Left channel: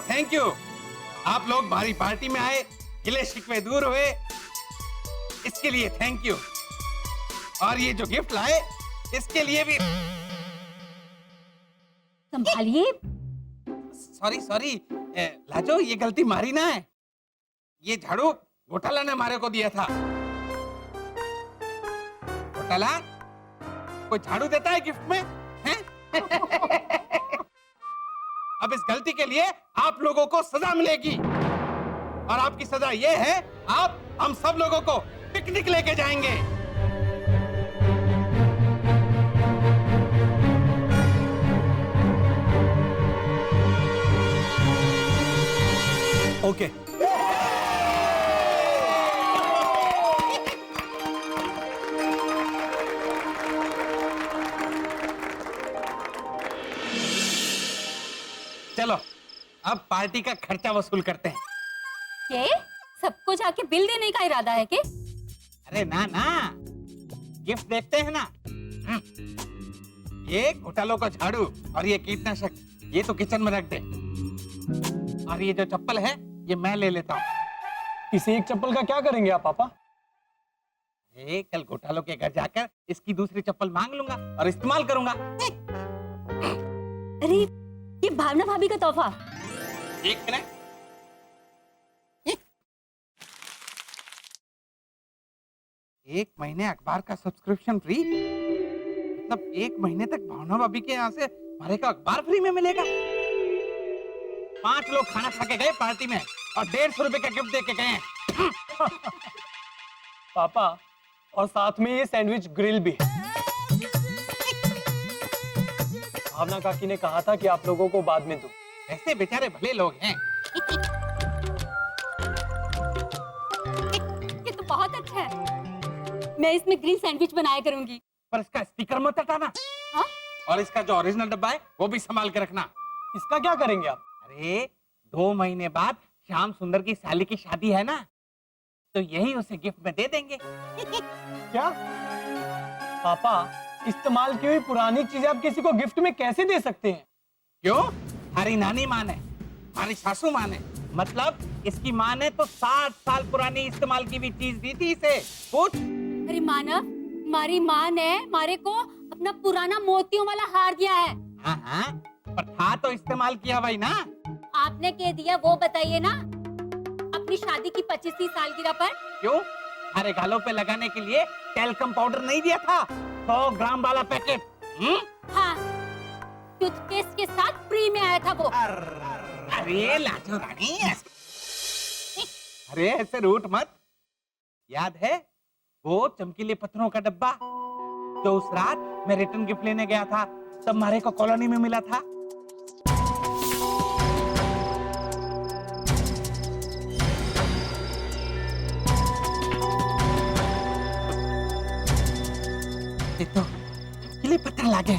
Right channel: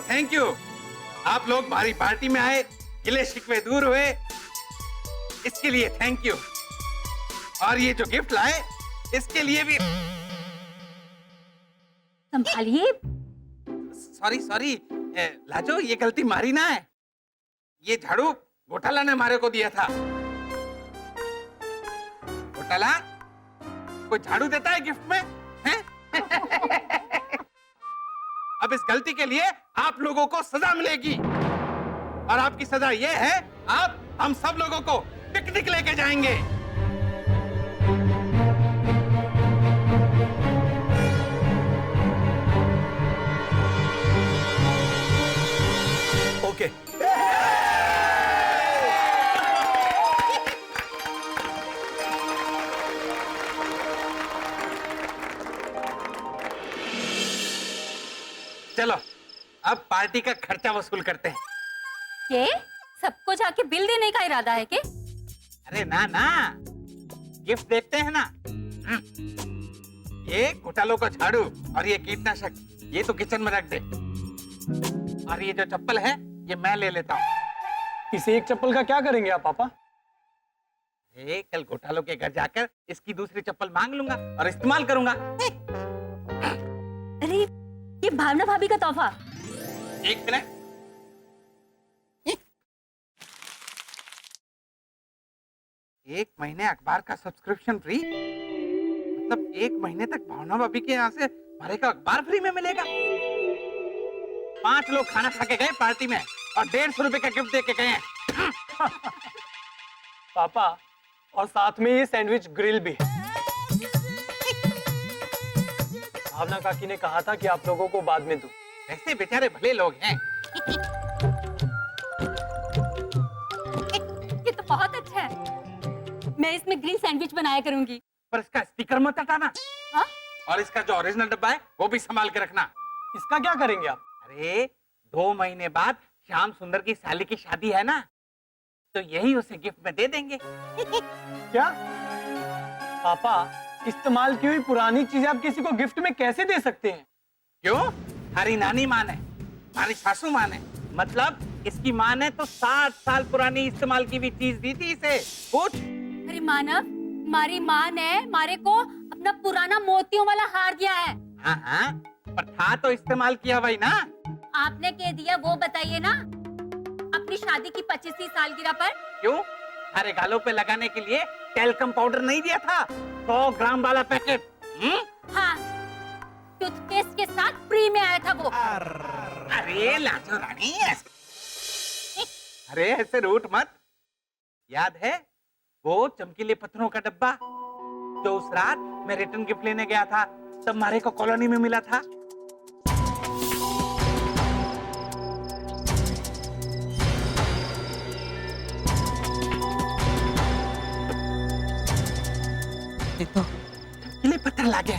Thank you. आप लोग हमारी पार्टी में आए, गिले शिकवे दूर हुए, इसके लिए थैंक यू। और ये जो गिफ्ट लाए इसके लिए भी संभालिए। सॉरी सॉरी लाजो, ये गलती मारी ना है। ये झाड़ू घोटाला ने हमारे को दिया था। घोटाला कोई झाड़ू देता है गिफ्ट में, हैं? अब इस गलती के लिए आप लोगों को सजा मिलेगी, और आपकी सजा ये है, आप हम सब लोगों को पिकनिक लेके जाएंगे। ओके। चलो अब पार्टी का खर्चा वसूल करते हैं। ये सबको जाके बिल देने का इरादा है के? अरे ना ना, गिफ्ट देखते हैं ना। ये घोटालों का झाड़ू और ये कीटनाशक, ये तो किचन में रख दे। और ये जो चप्पल है ये मैं ले लेता हूँ। इस एक चप्पल का क्या करेंगे आप पापा? कल घोटालों के घर जाकर इसकी दूसरी चप्पल मांग लूंगा और इस्तेमाल करूंगा। अरे ये भावना भाभी का तोहफा। एक मिनट, एक महीने अखबार का सब्सक्रिप्शन फ्री, मतलब एक महीने तक भावना भाभी के यहाँ से हमारे का अखबार फ्री में मिलेगा। 5 लोग खाना खा के गए पार्टी में और 150 रुपए का गिफ्ट दे के गए हैं। पापा, और साथ में ये सैंडविच ग्रिल भी है। भावना काकी ने कहा था कि आप लोगों को बाद में दूं। ऐसे बेचारे भले लोग हैं। ये तो बहुत अच्छा है। मैं इसमें ग्रिल सैंडविच बनाया करूंगी। पर इसका स्टिकर मत हटाना। हाँ? और इसका जो ओरिजिनल डब्बा है वो भी संभाल के रखना। इसका क्या करेंगे आप? अरे 2 महीने बाद श्याम सुंदर की साली की शादी है ना, तो यही उसे गिफ्ट में दे देंगे। क्या पापा, इस्तेमाल की हुई पुरानी चीजें आप किसी को गिफ्ट में कैसे दे सकते हैं? क्यों? हमारी नानी माँ ने, हमारी सासू माँ ने, मतलब इसकी माँ ने तो 60 साल पुरानी इस्तेमाल की हुई चीज दी थी इसे। पूछ। अरे मानव, हमारी माँ ने हमारे को अपना पुराना मोतियों वाला हार दिया है। हाँ हाँ, पर था तो इस्तेमाल किया भाई ना। आपने क्या दिया वो बताइए ना, अपनी शादी की 25वीं सालगिरह पर। क्यों? हमारे गालों पे लगाने के लिए टेल्कम पाउडर नहीं दिया था? 100 ग्राम वाला पैकेट। हाँ, टूथपेस्ट के साथ फ्री में आया था वो। अरे लाजो रानी, अरे ऐसे रूठ मत। याद है वो चमकीले पत्थरों का डब्बा जो उस रात मैं रिटर्न गिफ्ट लेने गया था, तब हमारे को कॉलोनी में मिला था? ये तो चमकीले पत्थर लागे।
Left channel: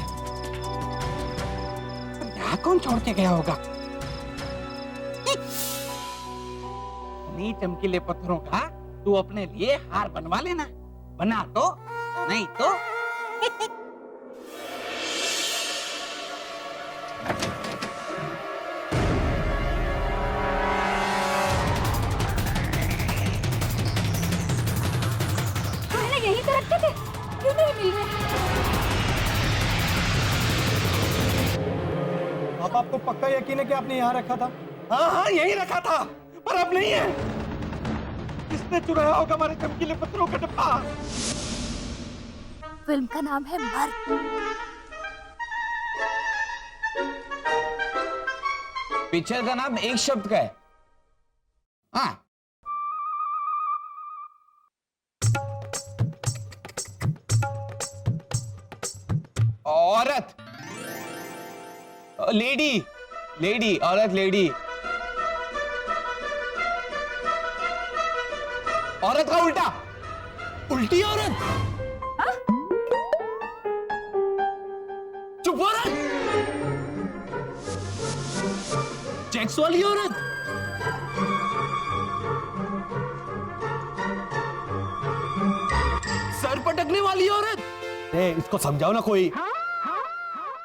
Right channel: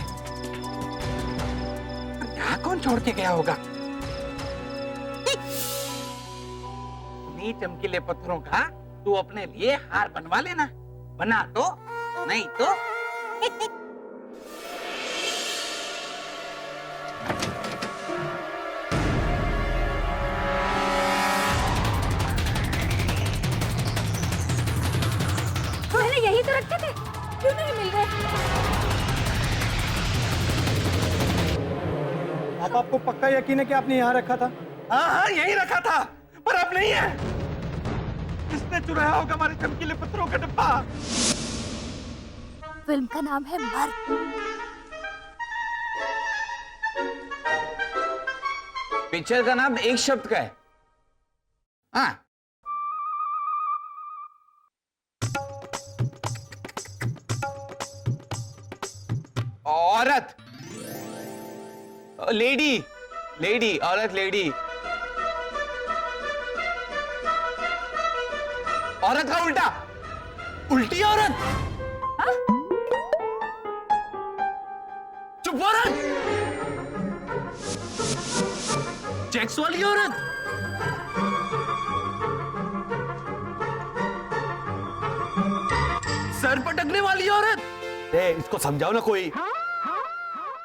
यहाँ कौन छोड़ के गया होगा? नहीं, चमकीले पत्थरों का तू अपने लिए हार बनवा लेना, बना तो, नहीं तो। तो है ना, यही तो रखे थे, क्यों नहीं मिल गए? पापा, आपको पक्का यकीन है कि आपने यहाँ रखा था? हाँ हाँ, यही रखा था, पर अब नहीं है। किसने चुराया होगा हमारे चमकीले पत्थरों का डब्बा? फिल्म का नाम है मर्द। पिक्चर का नाम एक शब्द का है। हाँ, औरत, लेडी, लेडी, औरत, लेडी। औरत का उल्टा, उल्टी औरत। चुप औरत, चेक्स वाली औरत। सर पटकने वाली औरत। इसको समझाओ ना कोई।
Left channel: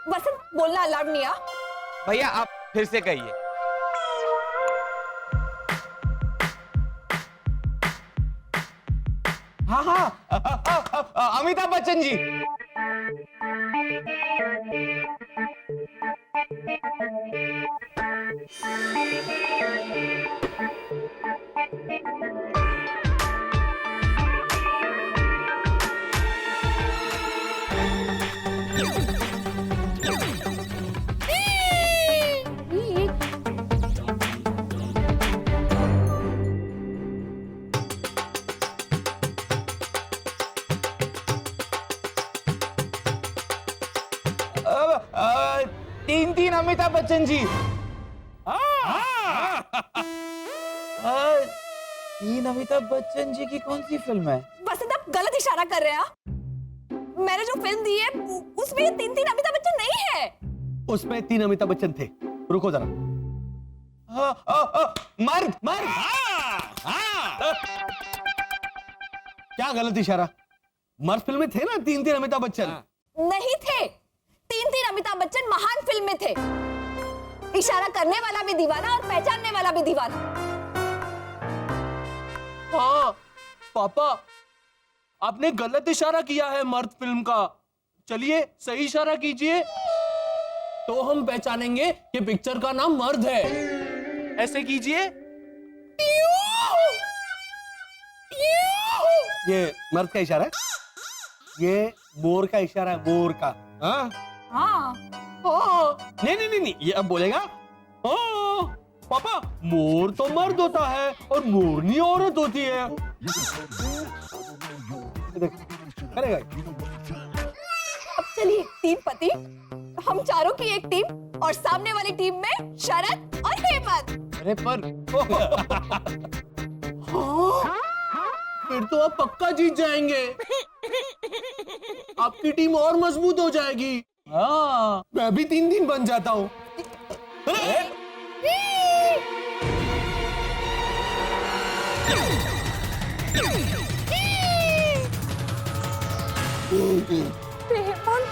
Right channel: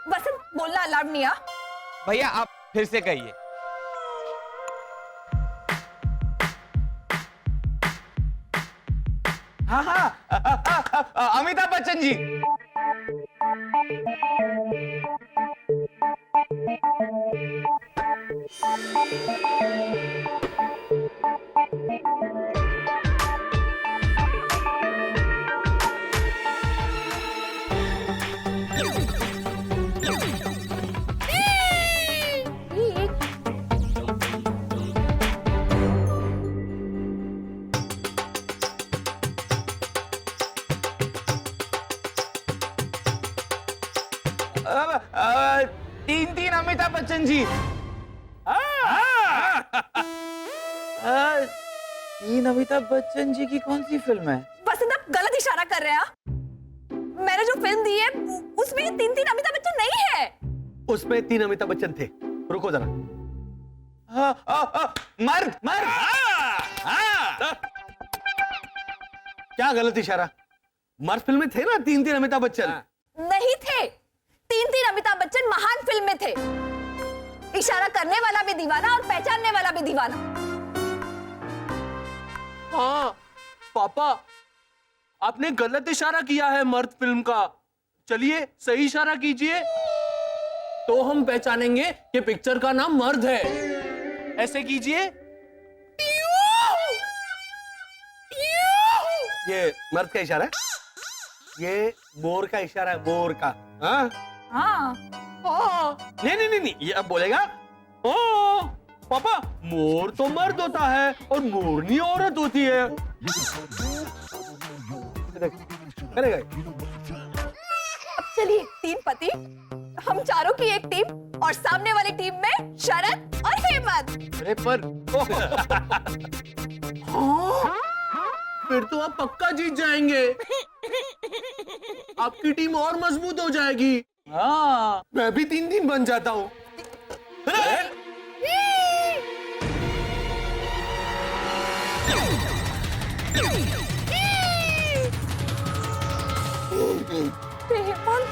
वसंत, बोलना अलाउड नहीं है। भैया आप फिर से कहिए। हाँ हाँ, अमिताभ बच्चन जी। तीन तीन अमिताभ बच्चन जी। तीन अमिताभ बच्चन जी की कौन सी फिल्म है? वसंत आप गलत इशारा कर रहे हैं। मैंने जो फिल्म दी है उसमें ये तीन तीन अमिताभ बच्चन नहीं है। उसमें 3 अमिताभ बच्चन थे। रुको जरा। मर्द मर्द। क्या गलत इशारा? मर्द फिल्म में थे ना 3 अमिताभ बच्चन। नहीं थे। तीन तीन अमिताभ बच्चन महान फिल्म में थे। इशारा करने वाला भी दीवाना और पहचानने वाला भी दीवाना। हाँ पापा, आपने गलत इशारा किया है मर्द फिल्म का। चलिए सही इशारा कीजिए तो हम पहचानेंगे कि पिक्चर का नाम मर्द है। ऐसे कीजिए। ये मर्द का इशारा है। ये मोर का इशारा है, मोर का। हाँ हाँ नहीं, ये अब बोलेगा। पापा, मोर तो मर्द होता है और मोरनी औरत होती है। करेगा। अब चलिए, तीन पति, हम चारों की एक टीम और सामने वाली टीम में शरद और हेमंत। अरे पर हाँ, फिर तो आप पक्का जीत जाएंगे। आपकी टीम और मजबूत हो जाएगी। हाँ, मैं भी 3 बन जाता हूँ। हेमंत,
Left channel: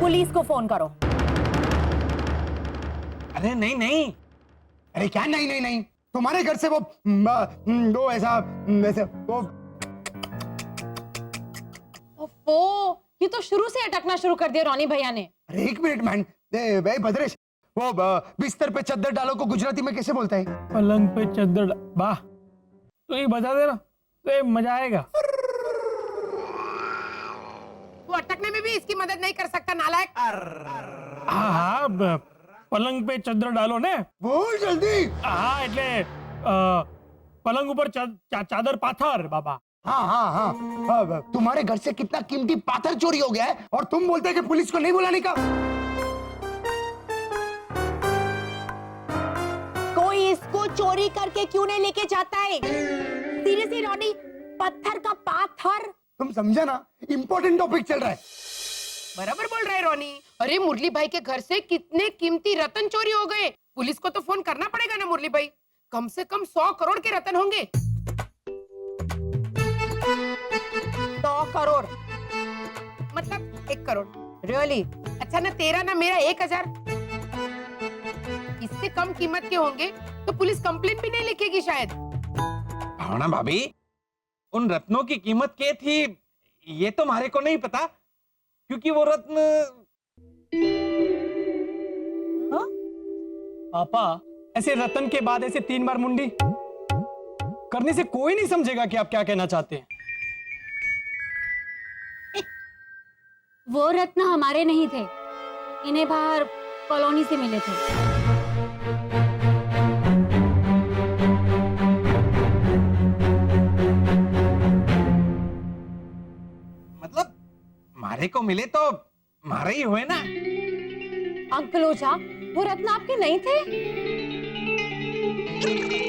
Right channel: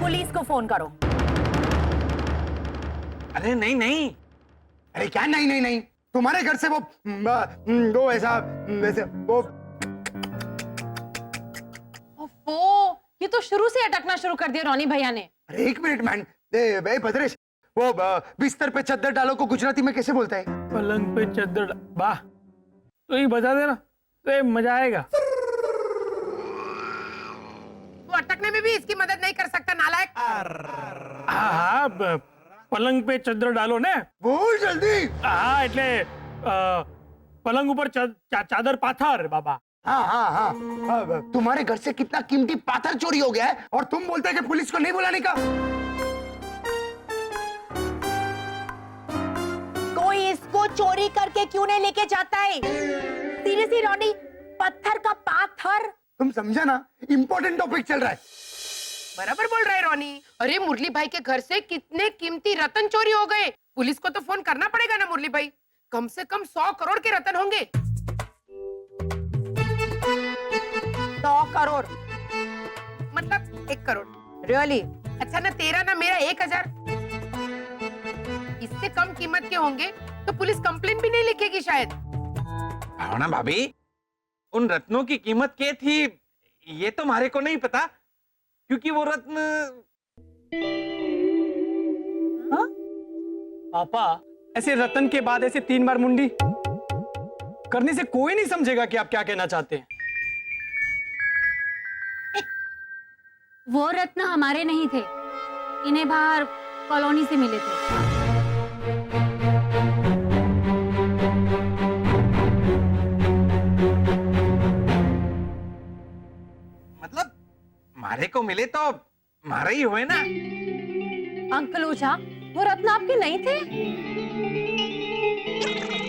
पुलिस को फोन करो। अरे नहीं नहीं, अरे क्या नहीं नहीं नहीं, तुम्हारे घर से वो ऐसा वैसे वो। ओफो, ये तो शुरू से अटकना शुरू कर दिया रोनी भैया ने। अरे एक मिनट मैन, भाई भद्रेश, वो बिस्तर पे चद्दर डालो को गुजराती में कैसे बोलता है? पलंग पे चद्दर वाह, तो ये बता देना तो ये मजा आएगा। तू अटकने में भी इसकी मदद नहीं कर सकता नालायक। हाँ, पलंग पे चद्दर डालो ने। बोल जल्दी। हाँ, એટલે पलंग ऊपर चादर पाथर बाबा। हाँ हाँ हाँ, तुम्हारे घर से कितना कीमती पाथर चोरी हो गया है और तुम बोलते हैं कि पुलिस को नहीं बुलाने का। कोई इसको चोरी करके क्यों नहीं लेके जाता है? सीरियसली रोनी, पत्थर का पाथर। तुम समझा ना, इम्पोर्टेंट टॉपिक चल रहा है। बराबर बोल रहा है रोनी। अरे मुरली भाई के घर से कितने कीमती रतन चोरी हो गए। पुलिस को तो फोन करना पड़ेगा ना मुरली भाई। कम से कम 100 करोड़ के रतन होंगे। 100 करोड़ मतलब 1 करोड़। रियली? अच्छा ना तेरा ना मेरा 1000। इससे कम कीमत के होंगे तो पुलिस कंप्लेन भी नहीं लिखेगी शायद। भावना भाभी, उन रत्नों की कीमत क्या थी ये तो हमारे को नहीं पता, क्योंकि वो रत्न। हाँ? पापा, ऐसे रतन के बाद ऐसे 3 बार मुंडी करने से कोई नहीं समझेगा कि आप क्या कहना चाहते हैं। वो रत्न हमारे नहीं थे, इन्हें बाहर कॉलोनी से मिले थे। मतलब मारे को मिले तो मारे ही हुए ना। अंकल ओझा, वो रत्न आपके नहीं थे?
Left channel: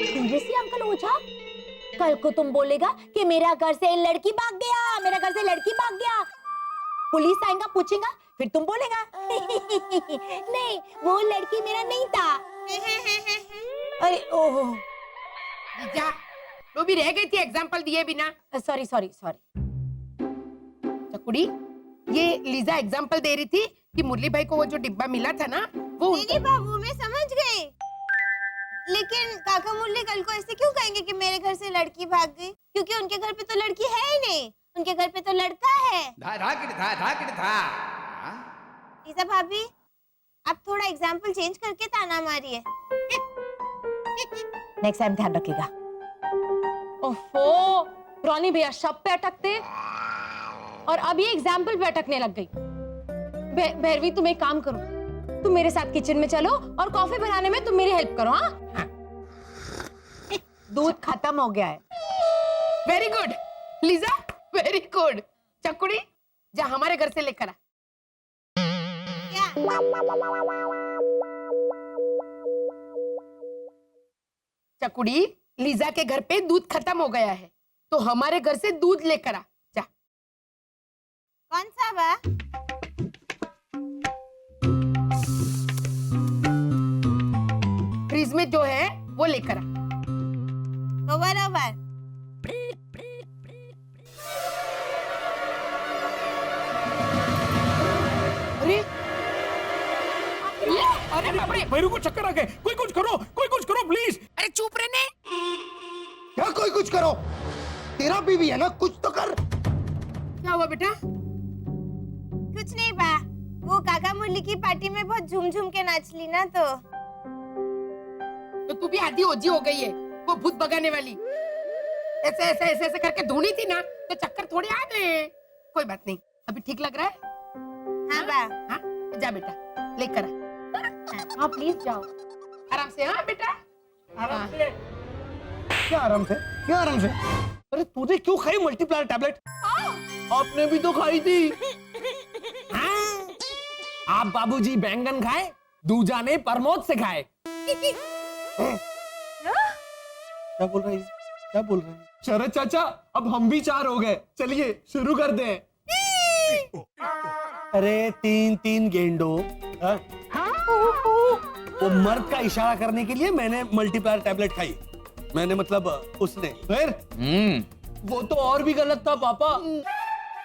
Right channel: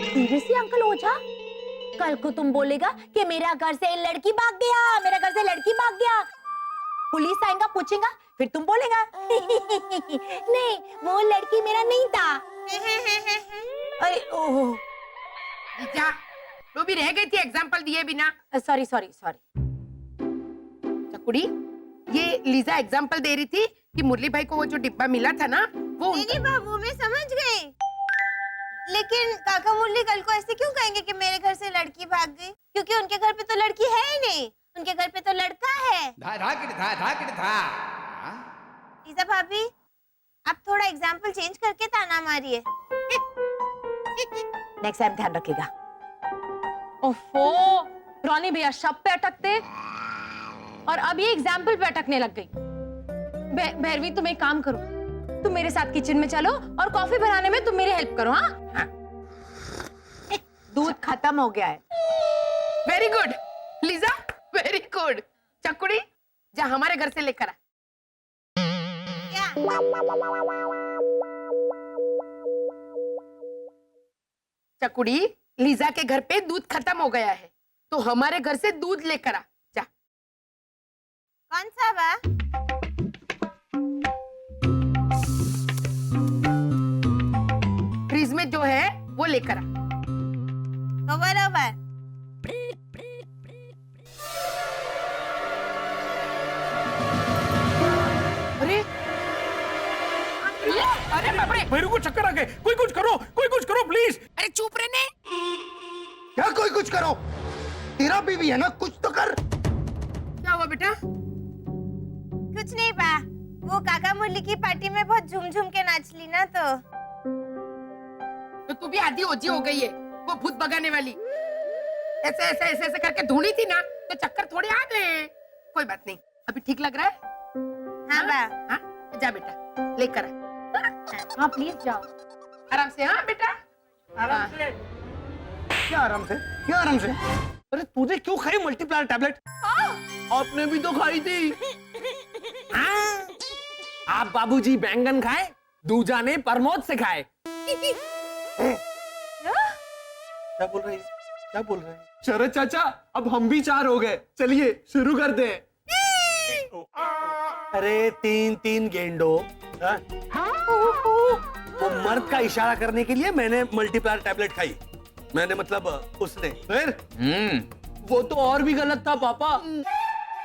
सीरियसली अंकल ओझा? कल को तुम बोलेगा कि मेरा घर से लड़की भाग गया, मेरा घर से लड़की भाग गया। पुलिस आएगा, पूछेगा, फिर तुम बोलेगा नहीं, वो लड़की मेरा नहीं था। अरे ओह, जा, तो भी रह गई थी एग्जाम्पल दिए बिना। Sorry sorry sorry. चकुड़ी, ये लीजा एग्जाम्पल दे रही थी कि मुरली भाई को वो जो डिब्बा मिला था ना वो दीदी बाबू मैं समझ गई, लेकिन काका मुरली कल को ऐसे क्यों कहेंगे कि मेरे घर से लड़की भाग गई? क्योंकि उनके घर पे तो लड़की है ही नहीं, उनके घर पे तो लड़का है। लीजा भाभी आप थोड़ा एग्जाम्पल चेंज करके ताना मारिए। नेक्स्ट टाइम ध्यान रखिएगा। ओफो, रॉनी भैया शब पे अटकते और अब ये एग्जाम्पल पे अटकने लग गई। भैरवी तुम एक काम करो, तुम मेरे साथ किचन में चलो और कॉफी बनाने में तुम मेरी हेल्प करो। हाँ, दूध खत्म हो गया है। Very good Lisa, very good. चकुड़ी जा हमारे घर से लेकर आ। चकुड़ी लीजा के घर पे दूध खत्म हो गया है तो हमारे घर से दूध लेकर आ जा। कौन सा बा? फ्रिज में जो है वो लेकर आ। बराबर। अरे अरे बाप रे, मेरे को चक्कर आ गए, कोई कुछ करो प्लीज। अरे चुप रहने। क्या कोई कुछ करो? तेरा बीवी है ना, कुछ तो कर। क्या हुआ बेटा? कुछ नहीं बा, वो काका मुरली की पार्टी में बहुत झूम झूम के नाच ली ना तो तू भी आधी ओजी हो गई है, वो भूत भगाने वाली। ऐसे ऐसे ऐसे ऐसे करके ढूंढी थी ना तो चक्कर थोड़े आ गए। कोई बात नहीं, अभी ठीक लग रहा है? हाँ बा। हाँ जा बेटा लेकर आ। हाँ प्लीज जाओ आराम से। हाँ बेटा आराम से। क्या आराम से, क्या आराम से? अरे तूने क्यों खाई मल्टीप्लायर टैबलेट? आपने भी तो खाई थी। हाँ? आप बाबूजी बैंगन खाए, दूजा ने प्रमोद से खाए। क्या बोल रही है? क्या बोल रही है? शरद चाचा अब हम भी 4 हो गए, चलिए शुरू कर दें। अरे 3 गेंडो। हाँ? वो मर्द का इशारा करने के लिए मैंने मल्टीप्लायर टैबलेट खाई। मैंने मतलब उसने। फिर वो तो और भी गलत था पापा,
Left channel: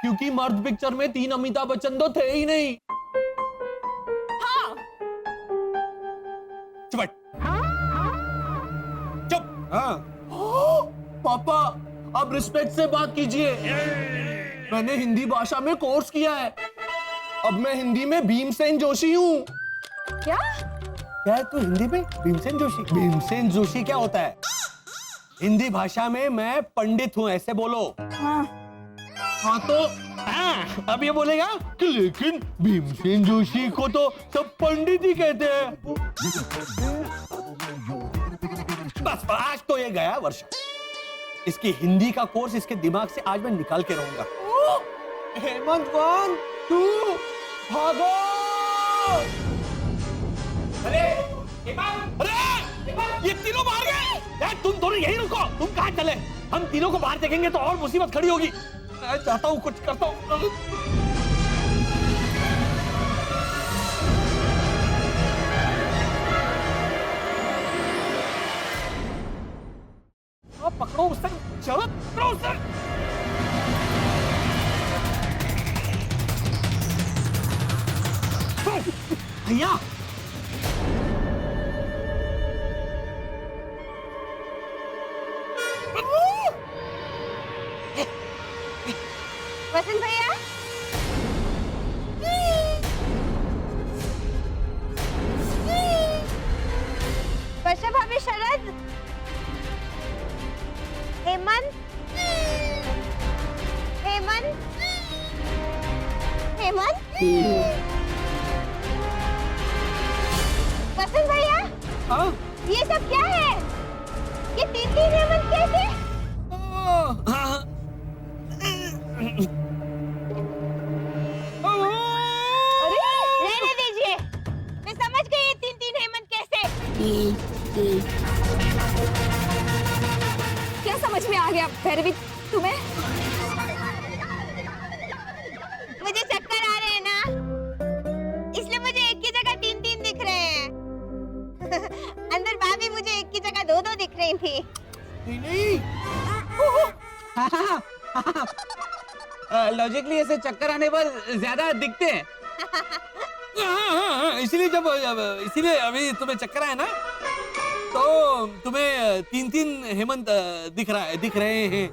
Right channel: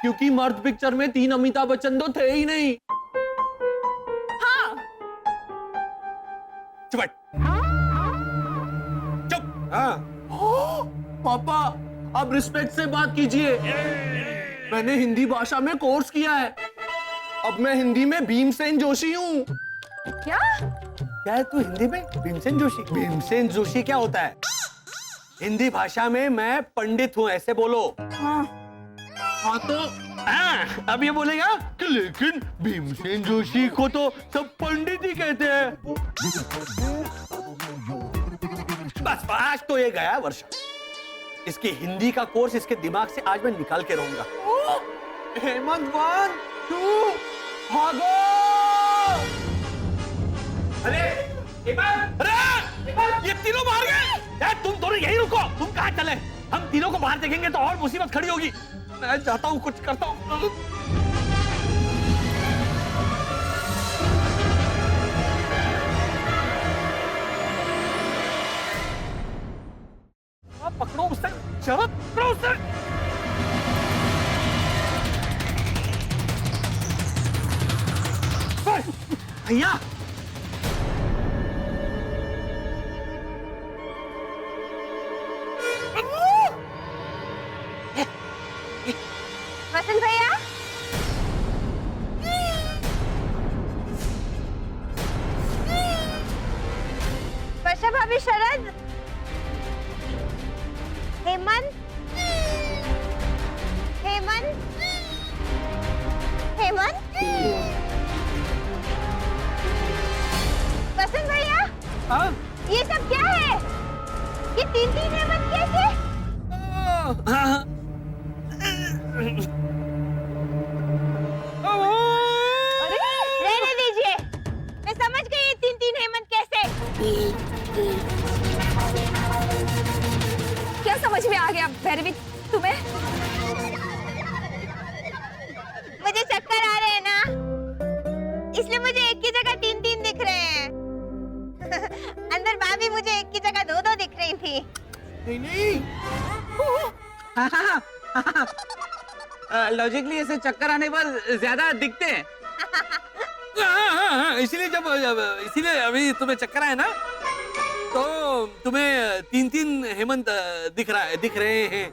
क्योंकि मर्द पिक्चर में 3 अमिताभ बच्चन तो थे ही नहीं। चुप। चुप। हाँ। पापा अब रिस्पेक्ट से बात कीजिए। मैंने हिंदी भाषा में कोर्स किया है, अब मैं हिंदी में भीमसेन जोशी हूँ। क्या? क्या है तू हिंदी में? भीमसेन जोशी? भीमसेन जोशी क्या होता है? हिंदी भाषा में मैं पंडित हूँ, ऐसे बोलो। हाँ तो अब ये बोलेगा कि लेकिन भीमसेन जोशी को तो सब पंडित ही कहते हैं। बस आज तो ये गया वर्षा। इसकी हिंदी का कोर्स इसके दिमाग से आज मैं निकाल के रहूंगा। हेमंत 1 2 भागो। अरे ये तीनों बाहर गए। यार तुम दोनों यहीं रुको। तुम कहाँ चले? हम तीनों को बाहर देखेंगे तो और मुसीबत खड़ी होगी। मैं जाता हूँ, कुछ करता हूँ। पकड़ो उससे, शरद पकड़ो उससे। भैया वसंत भैया, वर्षा भाभी, शरद, हेमंत, हेमंत, हेमंत, वसंत भैया। हाँ? ये सब क्या है? ये 3 हेमंत कैसे? हाँ। अरे रहने दीजिए, मैं समझ गई ये 3 हेमंत कैसे। क्या समझ में आ गया भैरवी तुम्हें? मुझे चक्कर आ रहे हैं ना, इसलिए मुझे एक की जगह 3 दिख रहे हैं। अंदर भाभी मुझे एक की जगह 2 दिख रही थी। नहीं लॉजिकली ऐसे चक्कर आने पर ज्यादा दिखते हैं। हाँ, इसीलिए अभी तुम्हें चक्कर आया ना, तो तुम्हें 3-3 हेमंत दिख रहे हैं।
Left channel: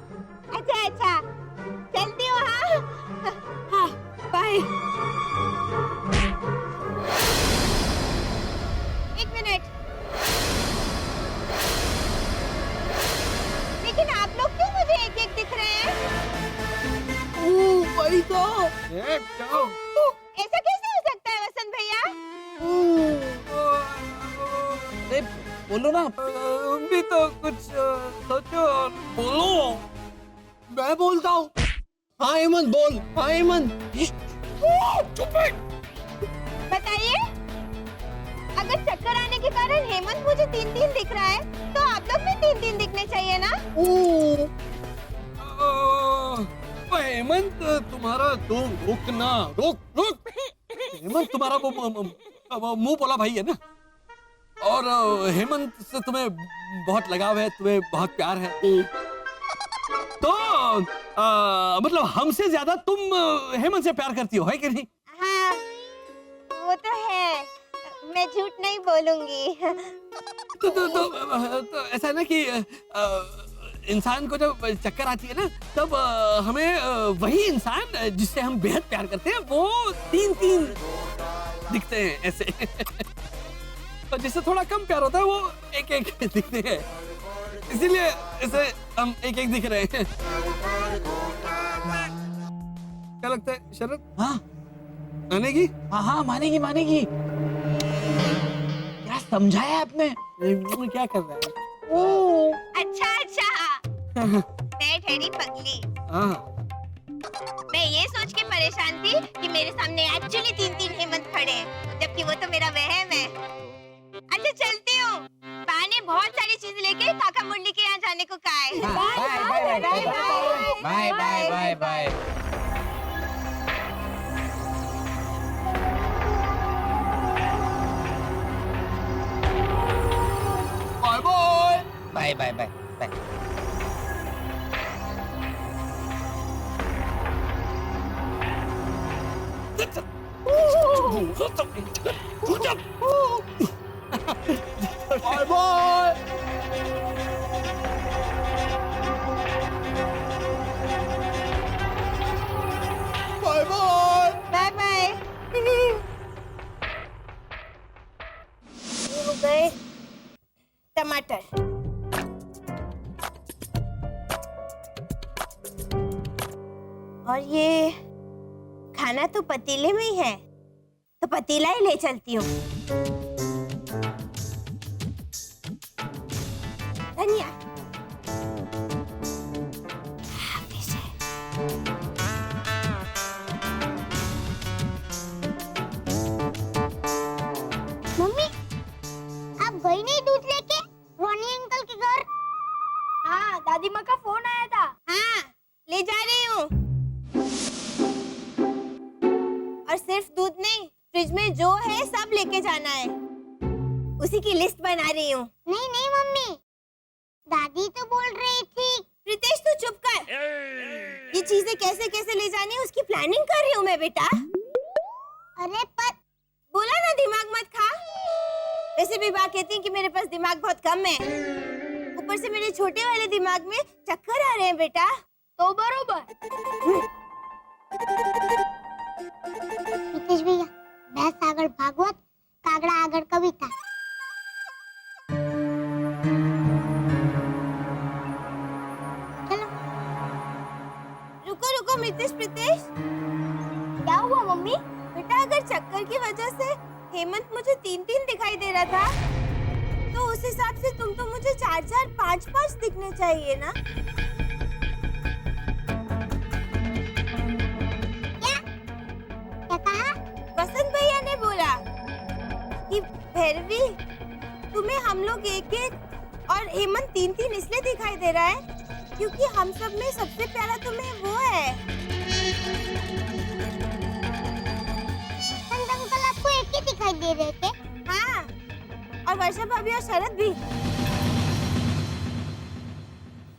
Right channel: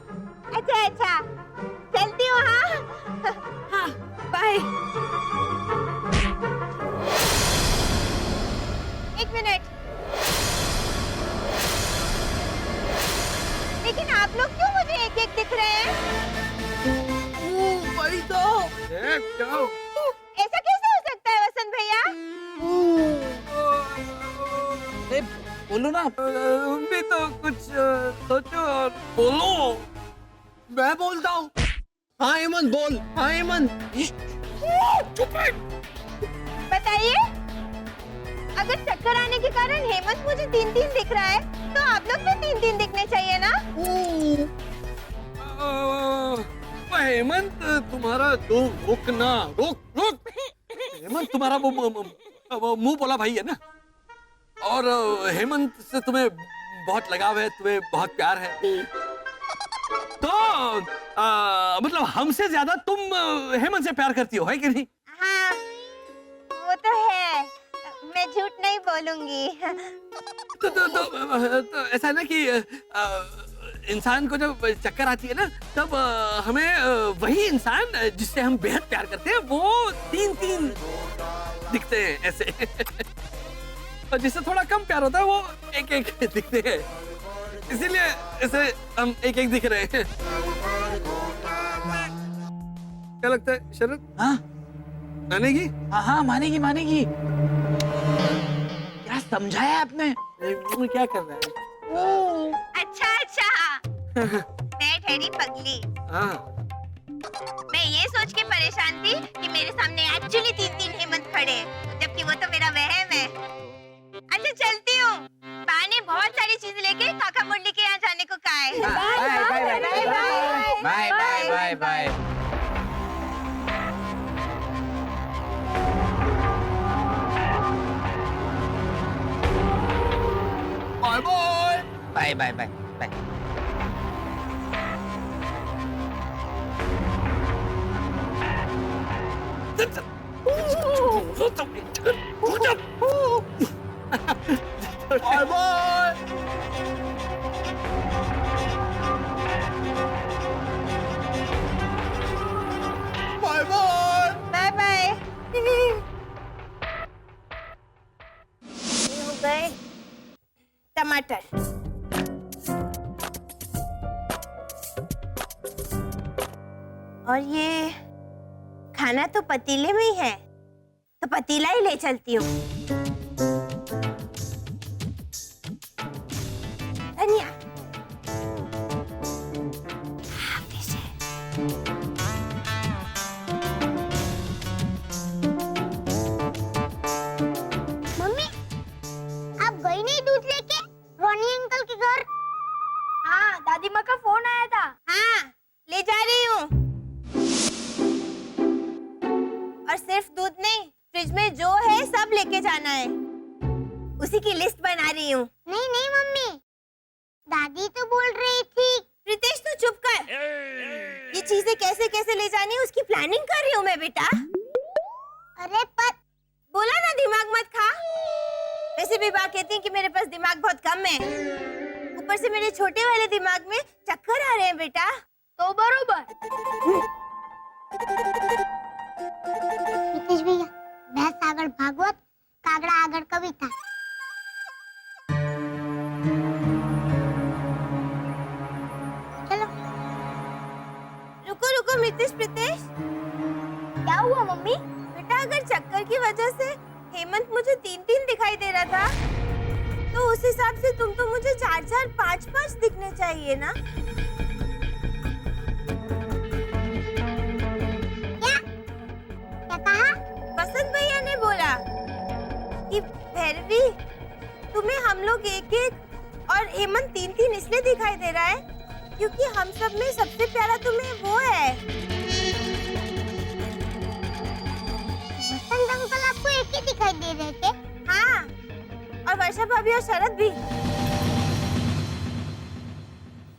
अच्छा अच्छा, चलती हूँ। हाँ, बाय। एक मिनट, लेकिन आप लोग क्यों मुझे एक एक दिख रहे हैं? वही तो। ऐसा कैसे हो सकता है वसंत भैया? अरे बोलो ना, तुम भी तो कुछ सोचो और बोलो। मैं बोलता हूँ। हाँ हेमंत बोल। हाँ हेमंत। बताइए, अगर चक्कर आने के कारण हेमंत मुझे 3-3 दिख रहा है, तो आप लोग भी 3-3 दिखने चाहिए ना? हेमंत तुम्हारा रोक। हेमंत तुम्हारा मुंह बोला भाई है ना, और हेमंत से तुम्हें बहुत लगाव है, तुम्हें बहुत प्यार है, तो मतलब हमसे ज्यादा तुम हेमंत से प्यार करती हो, है कि नहीं? हाँ, वो तो है, मैं झूठ नहीं बोलूंगी। तो ऐसा है ना कि इंसान को जब चक्कर आती है ना, तब हमें वही इंसान जिससे हम बेहद प्यार करते हैं वो 3-3 दिखते हैं ऐसे। और जिससे थोड़ा कम प्यार होता है वो 1-1 दिखते हैं, इसीलिए ऐसे हम 1-1 दिख रहे हैं। क्या लगता है शरद? हाँ मानेगी? हाँ मानेगी। क्या समझाया आपने? क्या कर रहा है? अच्छा, मैं ठहरी पगली। मैं ये सोच के परेशान थी कि मेरे सामने एक्चुअली 3-3 हेमंत खड़े हैं, जबकि वो तो मेरा वहम है। अच्छा चलती हूँ, बा ने बहुत सारी चीजें लेके काका मुरली के यहाँ जाने को कहा है। बाय। बाय। बाय। ये हो गए टमाटर। और ये खाना तो पतीले में ही है, तो पतीला ही ले चलती हूँ। धनिया, मम्मी, आप गई नहीं दूध लेके रोनी अंकल के घर? हाँ, दादी माँ का फोन आया था। हाँ, ले जा रही हूँ। और सिर्फ दूध नहीं, फ्रिज में जो है सब लेके जाना है, उसी की लिस्ट बना रही हूँ। नहीं मम्मी, दादी तो बोल रही थी। प्रीतेश तू चुप कर। ये चीजें कैसे कैसे ले जानी है उसकी प्लानिंग कर रही हूँ मैं बेटा। अरे पर बोला ना दिमाग मत खा। वैसे भी बात कहती है कि मेरे पास दिमाग बहुत कम है, ऊपर से मेरे छोटे वाले दिमाग में चक्कर आ रहे हैं बेटा। तो बरोबर। प्रीतेश भैया, भैंस आगड़ भागवत, कागड़ा आगड़ कविता। चलो। रुको प्रीतेश, क्या हुआ मम्मी? बेटा अगर चक्कर की वजह से हेमंत मुझे 3-3 दिखाई दे रहा था, तो उस हिसाब से तुम तो मुझे 4-4, 5-5 दिखने चाहिए ना। क्या कहा? वसंत भैया ने बोला कि भैरवी तुम्हें हम लोग 1-1 और हेमंत 3-3 इसलिए दिखाई दे रहा है क्योंकि हम सब में सबसे प्यारा तुम्हें वो है। वसंत अंकल आपको एक ही दिखाई दे रहे थे? हाँ, और वर्षा भाभी और शरद भी।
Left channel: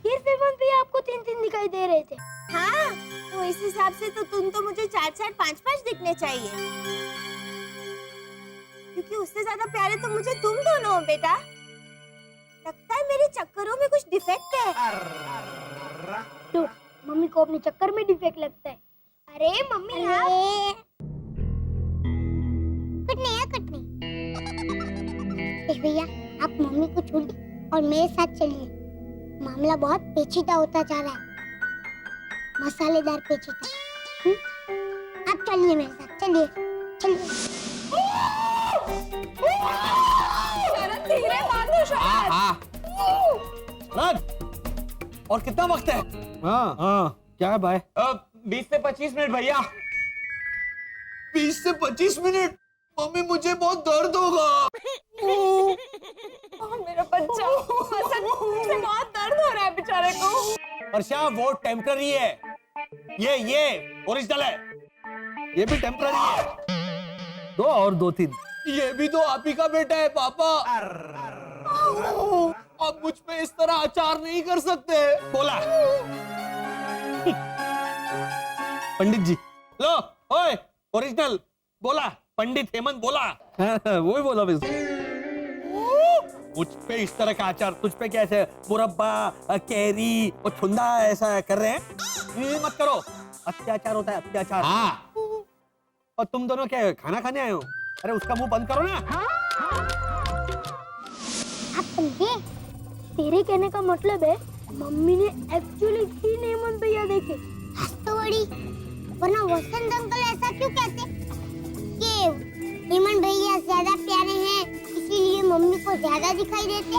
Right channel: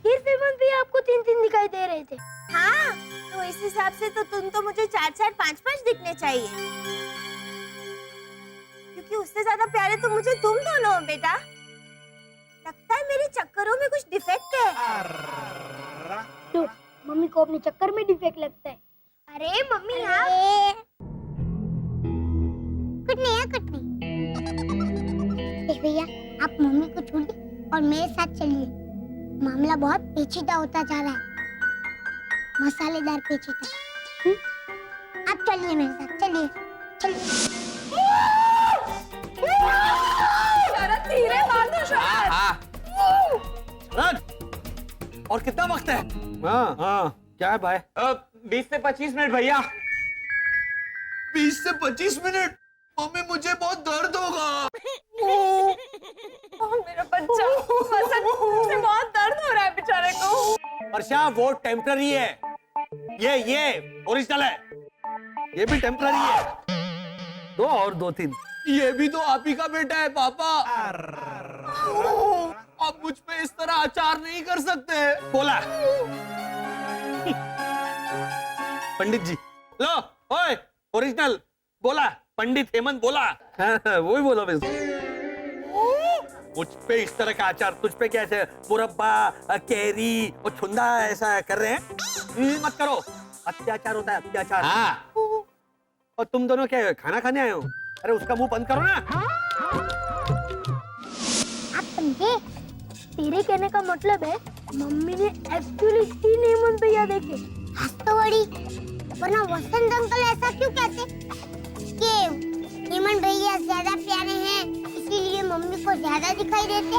फिर हेमंत भी आपको 3-3 दिखाई दिखाई दे रहे थे। हाँ, तो इस हिसाब से तो तुम तो मुझे 4-4, 5-5 दिखने चाहिए, क्योंकि उससे ज्यादा प्यारे तो मुझे तुम दोनों हो बेटा। लगता है मेरे चक्करों में कुछ डिफेक्ट है। तो मम्मी को अपने चक्कर में डिफेक्ट लगता है। अरे मम्मी कुछ नहीं है, कुछ नहीं। देख भैया, आप मम्मी को छोड़िए और मेरे साथ चलिए। मामला बहुत पेचीदा होता जा रहा है, मसालेदार पेचीदा। आप चलिए मेरे साथ, चलिए चलिए। धीरे बांधो शरद। शरद, और कितना वक्त है? हाँ, क्या है भाई? 20 से 25 मिनट भैया। 20 से 25 मिनट? मम्मी मुझे बहुत दर्द होगा। मेरा बच्चा, से बहुत दर्द हो रहा है बेचारे को। वर्षा, वो टेम्पररी है, ये ओरिजिनल है। ये भी टेम्पररी है। 2 और 2-3। ये भी तो आप ही का बेटा है पापा। आप मुझ पे इस तरह अचार नहीं कर सकते। बोला पंडित जी, लो ओए ओरिजिनल बोला, पंडित हेमंत बोला। वो ही बोला बस। मुझ पे इस तरह का अचार, तुझ पे कैसे मुरब्बा, कैरी और छुंदा ऐसा कर रहे हैं? मत करो, अत्याचार होता है, अत्याचार। हाँ। और तुम दोनों क्या खाना खाने आए हो? अरे उसका मुंह बंद करो ना। आप समझे? तेरे कहने का मतलब है मम्मी ने एक्चुअली 3 हेमंत भैया देखे। हंस तो बड़ी, वरना वसंत अंकल ऐसा क्यों कहते कि हेमंत भैया ज्यादा प्यारे हैं, इसीलिए मम्मी को ज्यादा दिखाई देते?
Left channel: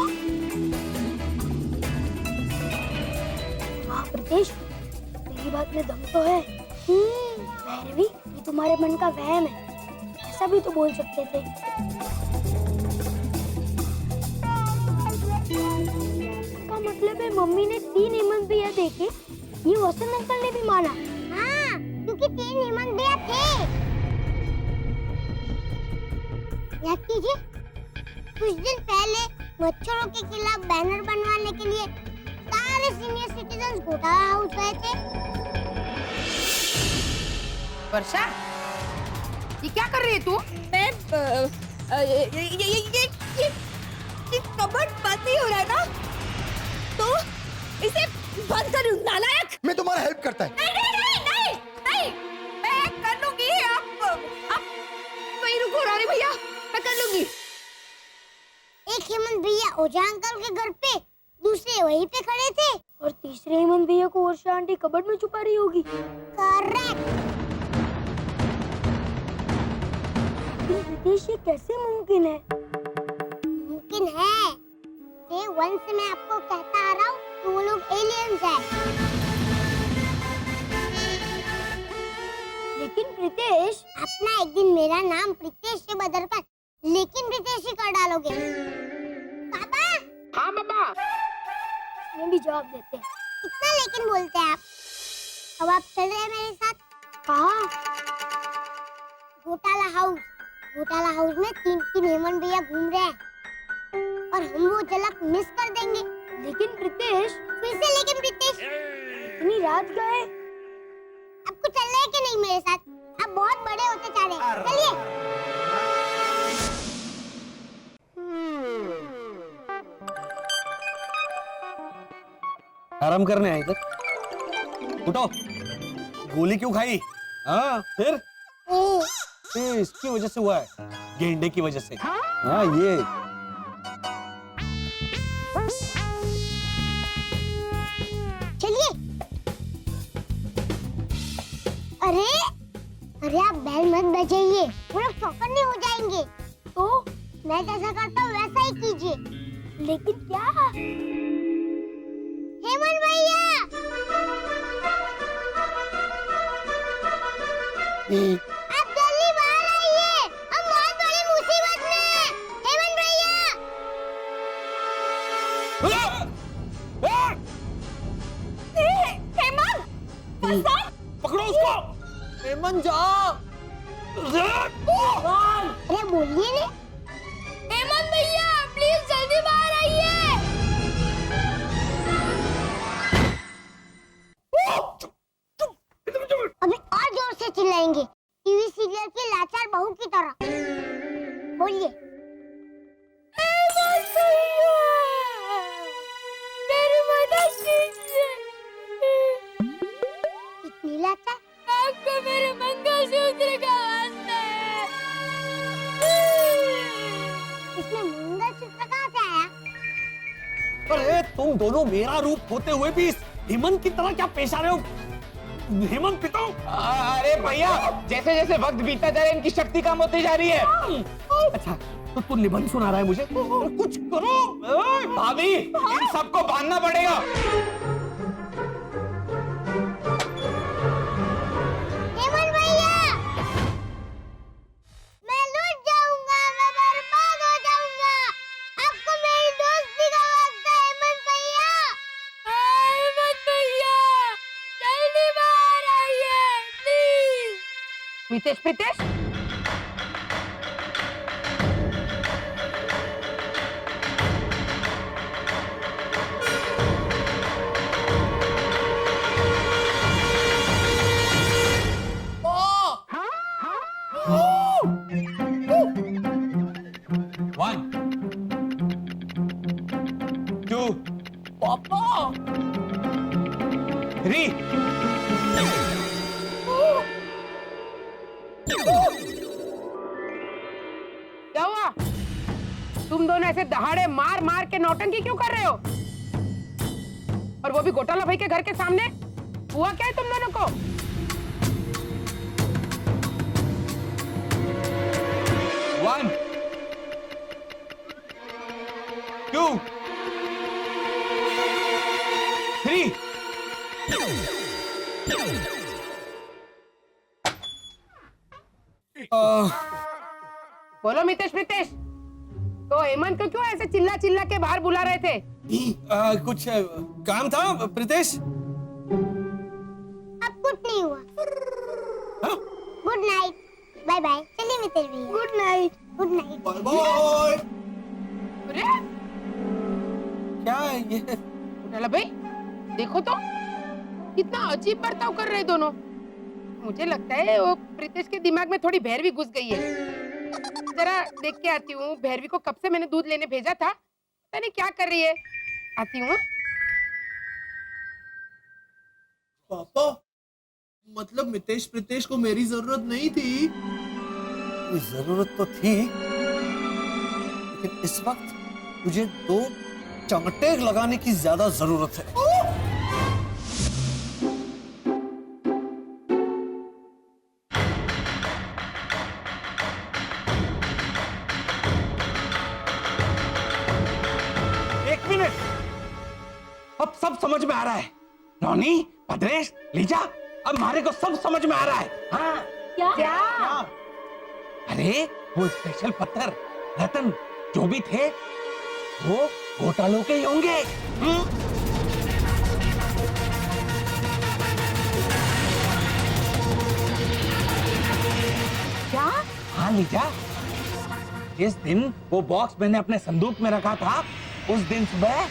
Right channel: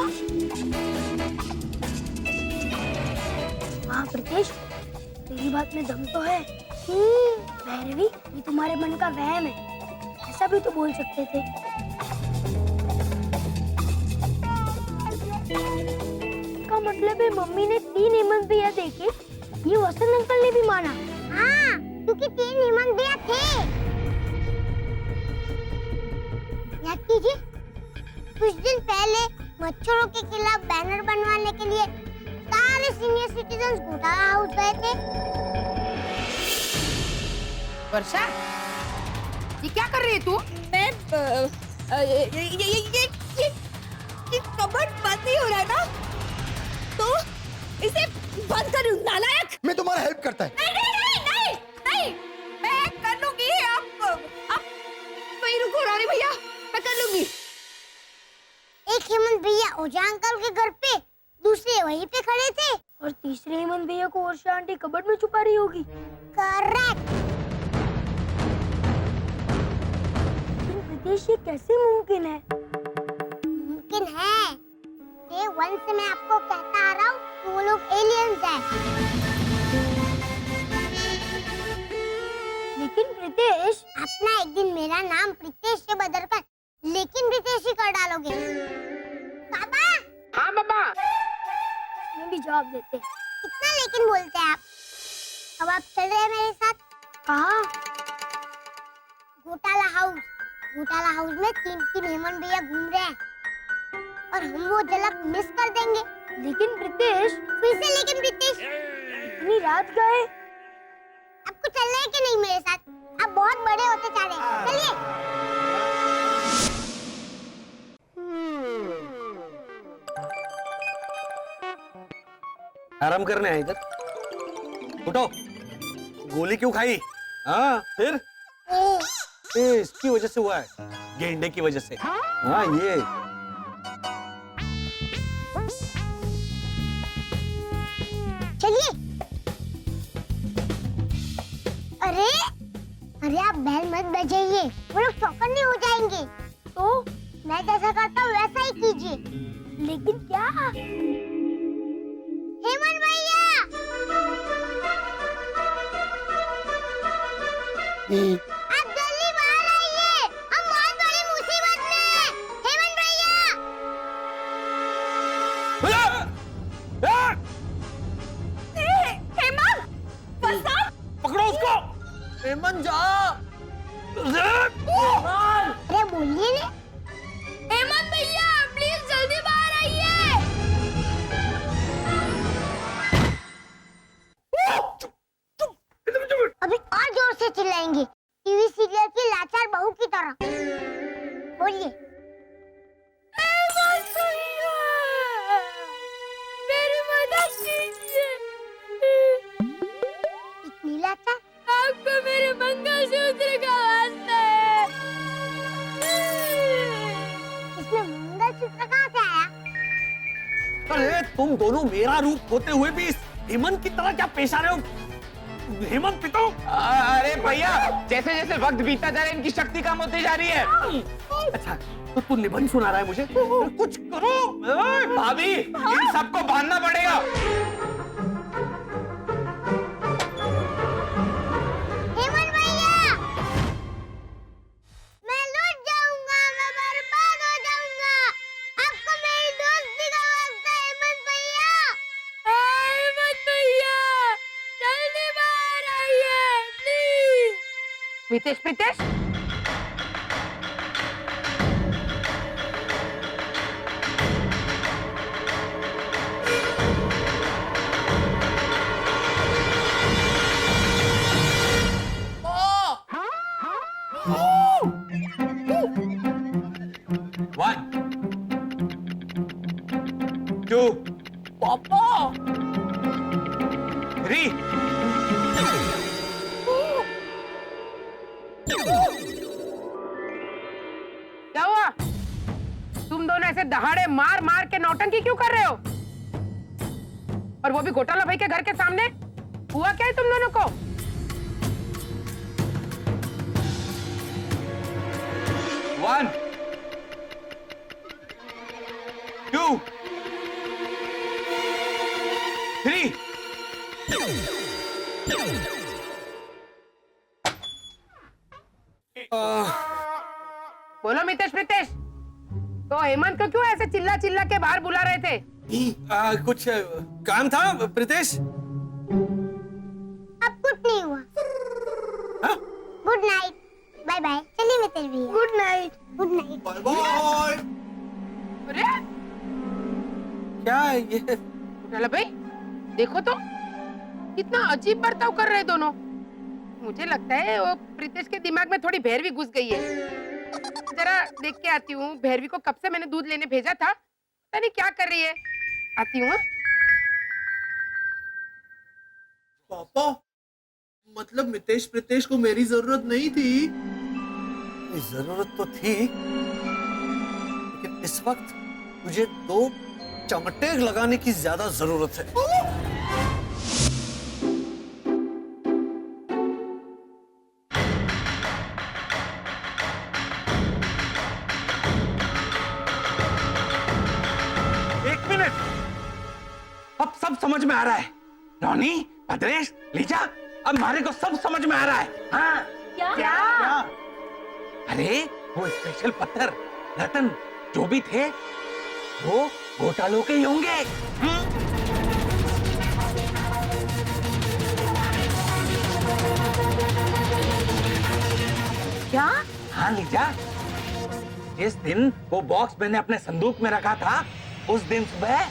हाँ प्रीतेश, तेरी बात में दम तो है। भैरवी, ये तुम्हारे मन का वहम है, ऐसा भी तो बोल सकते थे। इसका मतलब है मम्मी ने 3 हेमंत भैया देखे, ये वसंत अंकल ने भी माना। हाँ, क्योंकि 3 हेमंत भैया थे। याद कीजिए, कुछ दिन पहले मच्छरों के खिलाफ बैनर बनवाने के लिए सारे सीनियर सिटीजन घोटाला हाउस गए थे। वर्षा, ये क्या कर रही है तू? मैं ये कबर्ड बंद नहीं हो रहा है ना, तो इसे बंद करूं। नालायक! मैं तुम्हारा हेल्प करता है। नहीं, मैं कर लूंगी। आप वहीं रुको रानी भैया, मैं कर लूंगी। एक हेमंत भैया ओझा अंकल के घर पे, दूसरे वहीं पे खड़े थे, और तीसरे हेमंत भैया को वर्षा आंटी कबर्ड में छुपा रही होगी। करेक्ट। प्रीतेश, ये कैसे मुमकिन है? मुमकिन है। डे 1 से मैं आपको कहता आ रहा हूँ कि वो लोग एलियंस हैं। लेकिन प्रीतेश, अपना एक दिन मेरा नाम प्रीतेश से बदलकर लेकिन प्रीतेश ही कर डालोगे। पापा। हाँ बाबा। इसमें भी जवाब देते हैं। कितना लेकिन बोलते हैं आप। अब आप चल रहे हैं मेरे साथ। कहाँ? घोटाला हाउस। घोटाला हाउस में 3 हेमंत भैया घूम रहे हैं और हम वो झलक मिस कर देंगे। लेकिन प्रीतेश, फिर से लेकिन प्रीतेश, इतनी रात गए। आपको चलना है कि नहीं मेरे साथ? आप बहुत बड़े होते जा रहे हैं, चलिए। आराम करने आए इधर। उठो, गोली क्यों खाई? हाँ फिर? इसकी वजह से हुआ है, गेंडे की वजह से। हाँ ये चलिए। अरे आप बैल मत बजाइए, वो लोग चौकन्ने हो जाएंगे। तो मैं जैसा करता हूँ वैसा ही कीजिए। लेकिन क्या? हेमंत भैया! आप जल्दी बाहर आइए, हम बहुत बड़ी मुसीबत में हैं। हेमंत भैया! हेमंत! वसंत! पकड़ो उसको। हेमंत जा। अरे बोलिए ने। हेमंत भैया, प्लीज जल्दी बाहर आइए। जाएंगे, टीवी सीरियल की लाचार बहू की तरह। बोलिए। मेरी मदद कीजिए। इतनी लाचार? आपको मेरे मंगलसूत्र का वास्ता है। इसमें मंगलसूत्र कहाँ से आया? अरे तुम दोनों मेरा रूप होते हुए भी इस हेमंत की तरह क्या पेश आ रहे हो? हेमंत पिता। अरे भैया, जैसे जैसे वक्त बीतता जा रहा है इनकी शक्ति कम होती जा रही है। अच्छा तो तू निबंध सुना रहा है मुझे? कुछ करो। भाभी, इन सबको बांधना पड़ेगा। हेमंत भैया, मैं लूट जाऊंगा, मैं बर्बाद हो जाऊंगा। आपको मेरी दोस्ती का वास्ता है हेमंत भैया। हेमंत भैया, जल्दी बाहर आइए please. Mitesh Pritesh, One, two, पापा, 3. क्या हुआ? तुम दोनों ऐसे दहाड़े मार मार के नौटंकी क्यों कर रहे हो? और वो भी घोटाला भाई के घर के सामने? हुआ क्या है तुम दोनों को? One, two, 3. बोलो मितेश प्रीतेश, तो हेमंत को क्यों ऐसे चिल्ला चिल्ला के बाहर बुला रहे थे? कुछ काम था प्रीतेश। अब कुछ नहीं हुआ। Good night, bye bye. चलिए मित्र भैया। Good night, good night. Bye. अरे क्या है ये? घोटाला भाई, देखो तो कितना अजीब बर्ताव कर रहे दोनों। मुझे लगता है वो प्रीतेश के दिमाग में थोड़ी भैरवी घुस गई है। जरा देख के आती हूँ, भैरवी को कब से मैंने दूध लेने भेजा था, पता नहीं क्या कर रही है। आती हूँ। पापा, मतलब मितेश प्रीतेश को मेरी जरूरत नहीं थी। जरूरत तो थी, लेकिन इस वक्त तुझे 2 चमटे लगाने की ज्यादा जरूरत है। एक मिनट, अब सब समझ में आ रहा है। रोनी, भद्रेश, लीजा, अब हमारे को सब समझ में आ रहा है। हाँ, क्या? अरे वो स्पेशल पत्थर, रतन जो भी थे वो घोटालों के ही होंगे। क्या? हाँ लीजा, जिस दिन वो बॉक्स मैंने अपने संदूक में रखा था, उस दिन सुबह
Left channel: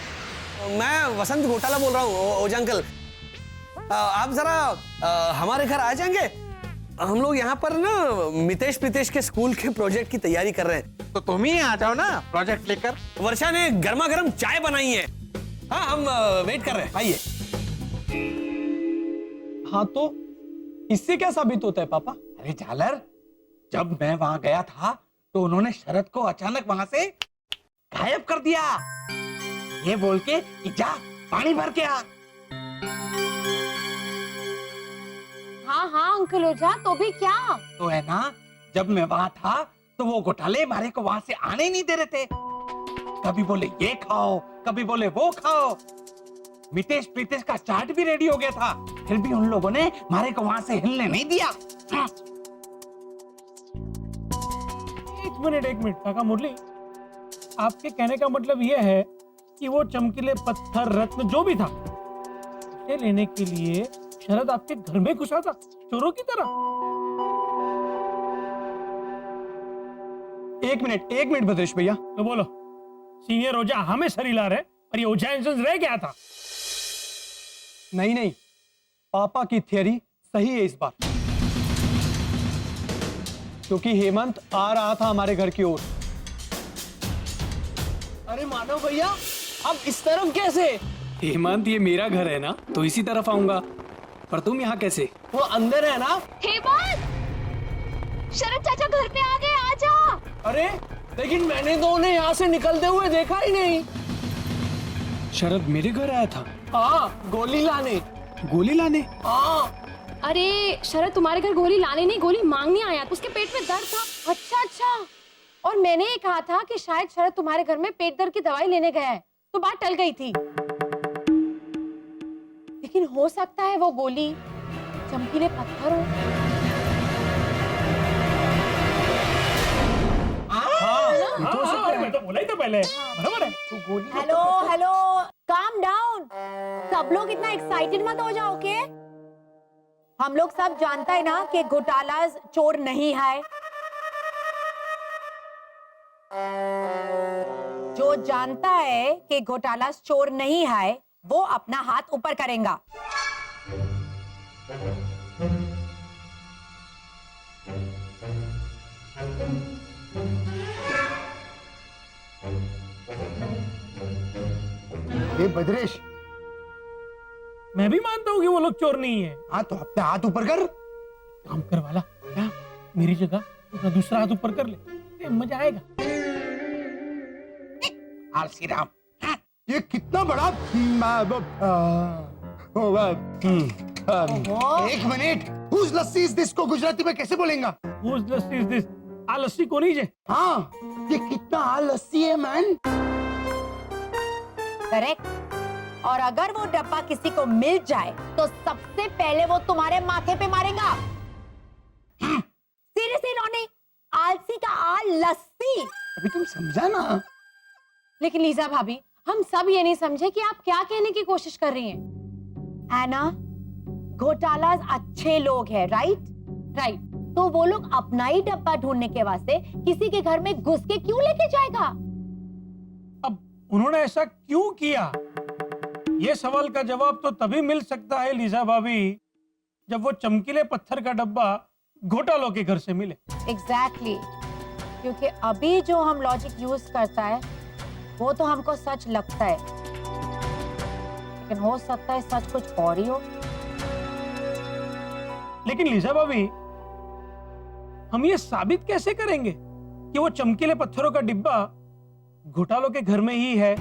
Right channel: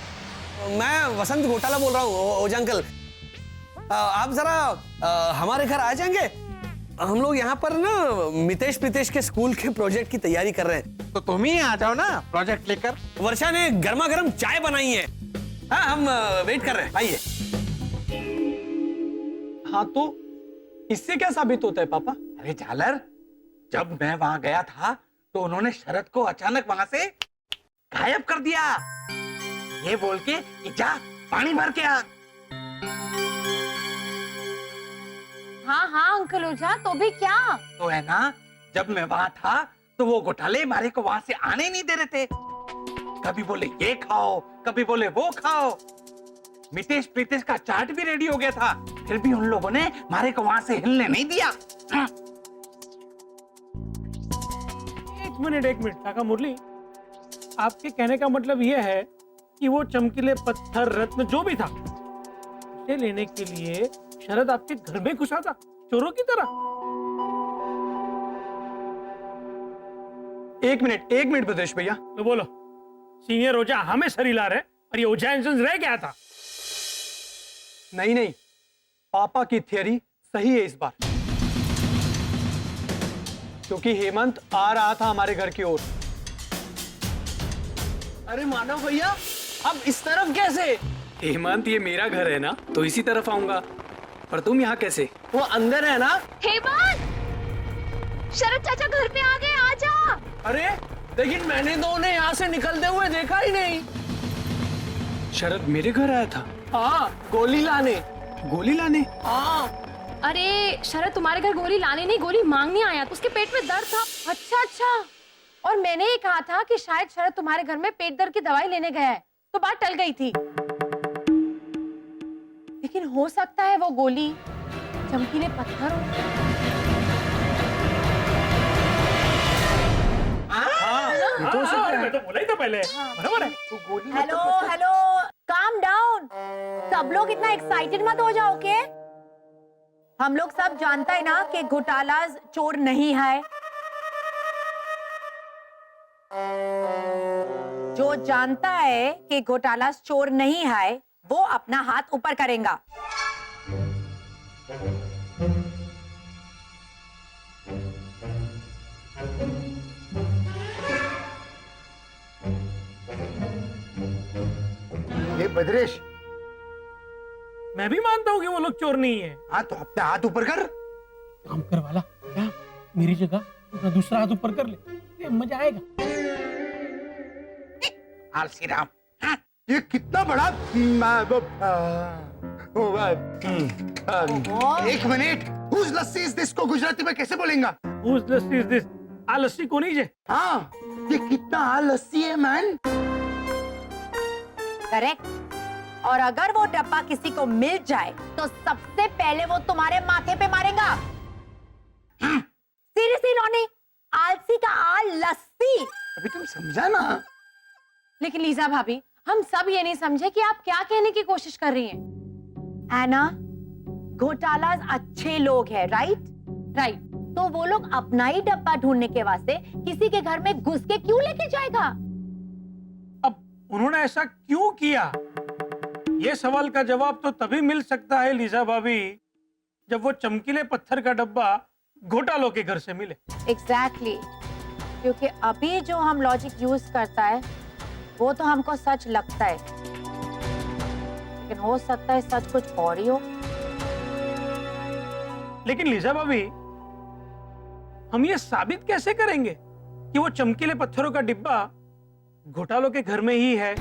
मैं वसंत घोटाला बोल रहा हूँ। ओझा अंकल, आप जरा हमारे घर आ जाएंगे? हम लोग यहाँ पर ना मितेश प्रीतेश के स्कूल के प्रोजेक्ट की तैयारी कर रहे हैं। तो तुम ही आ जाओ ना प्रोजेक्ट लेकर। वर्षा ने गर्मा गर्म चाय बनाई है। हाँ, हम वेट कर रहे हैं, आइए। हाँ तो इससे क्या साबित होता है पापा? अरे झालर, जब मैं वहां गया था तो उन्होंने शरद को अचानक वहां से गायब कर दिया, ये बोल के कि जा पानी भर के आ। हाँ हाँ अंकल ओझा, तो भी क्या? तो है ना, जब मैं वहां था तो वो घोटाले हमारे को वहां से आने ही नहीं दे रहे थे। कभी बोले ये खाओ, कभी बोले वो खाओ। मितेश प्रीतेश का चार्ट भी रेडी हो गया था, फिर भी उन लोगों ने हमारे को वहां से हिलने नहीं दिया। एक मिनट काका मुरली, आपके कहने का मतलब यह है कि वो चमकीले पत्थर रत्न जो भी था उसे लेने के लिए शरद आपके घर में घुसा था चोरों की तरह? एक मिनट भद्रेश भैया, तो बोलो, सीनियर ओझा हमें सर हिला रहे और ये ओझा इंसान रह गया था। नहीं, पापा की थियरी सही है इस बार। क्योंकि हेमंत आ रहा था हमारे घर की ओर। अरे मानव भैया, अब इस तरफ कैसे? हेमंत, ये मेरा घर है ना, तो इसी तरफ आऊंगा। पर तुम यहाँ कैसे? वो अंदर है ना? हेमंत, शरद चाचा घर पे आ गए, आजा। अरे लेकिन मैंने तो उन्हें यहाँ से निकलते हुए देखा ही नहीं। शरद मेरे घर आया था? हाँ, गोली लाने। गोली लाने? हाँ। अरे शरद तुम्हारे घर गोली लाने नहीं, गोली मांगने आया। उसके पेट में दर्द था। अच्छा अच्छा। और मैंने ये कहा था कि शायद शरद तुम्हारे घर में पेट दर्द की दवाई लेने गया है, तो बात टल गई थी। लेकिन हो सकता है वो गोली चमकीले पत्थर हो। मैं तो बोला ही था पहले, बराबर है। Hello hello, calm down. सब लोग इतना एक्साइटेड मत हो जाओ, ओके? हम लोग सब जानता है ना कि घोटाला चोर नहीं है। जो जानता है कि घोटाला चोर नहीं है, वो अपना हाथ ऊपर करेगा। ये भद्रेश, मैं भी मानता हूँ कि वो लोग चोर नहीं है। हाँ तो अपने हाथ ऊपर कर। काम कर वाला, क्या मेरी जगह अपना दूसरा हाथ ऊपर कर ले, मजा आएगा। आलसी राम। ये कितना बड़ा एक minute, whose lassi is this को गुजराती में कैसे बोलेंगा? Whose lassi is this? आ लस्सी कोनी जे? हाँ, ये कितना लस्सी है मैन। करेक्ट। और अगर वो डब्बा किसी को मिल जाए तो सबसे पहले वो तुम्हारे माथे पे मारेगा। सीरियसली रॉनी, आलसी का आल लस्सी। अभी तुम समझा ना? लेकिन लीजा भाभी, हम सब ये नहीं समझे कि आप क्या कहने की कोशिश कर रही हैं। एना, घोटालाज अच्छे लोग हैं, राइट? राइट। तो वो लोग अपना ही डब्बा ढूंढने के वास्ते किसी के घर में घुस के क्यों लेके जाएगा? अब उन्होंने ऐसा क्यों किया, ये सवाल का जवाब तो तभी मिल सकता है लीजा भाभी, जब वो चमकीले पत्थर का डब्बा घोटालों के घर से मिले। एग्जैक्टली। क्योंकि अभी जो हम लॉजिक यूज करता है वो तो हमको सच लगता है, लेकिन हो सकता है सच कुछ और ही हो। लेकिन लीजा भाभी, हम ये साबित कैसे करेंगे कि वो चमकीले पत्थरों का डिब्बा घोटालों के घर में ही है?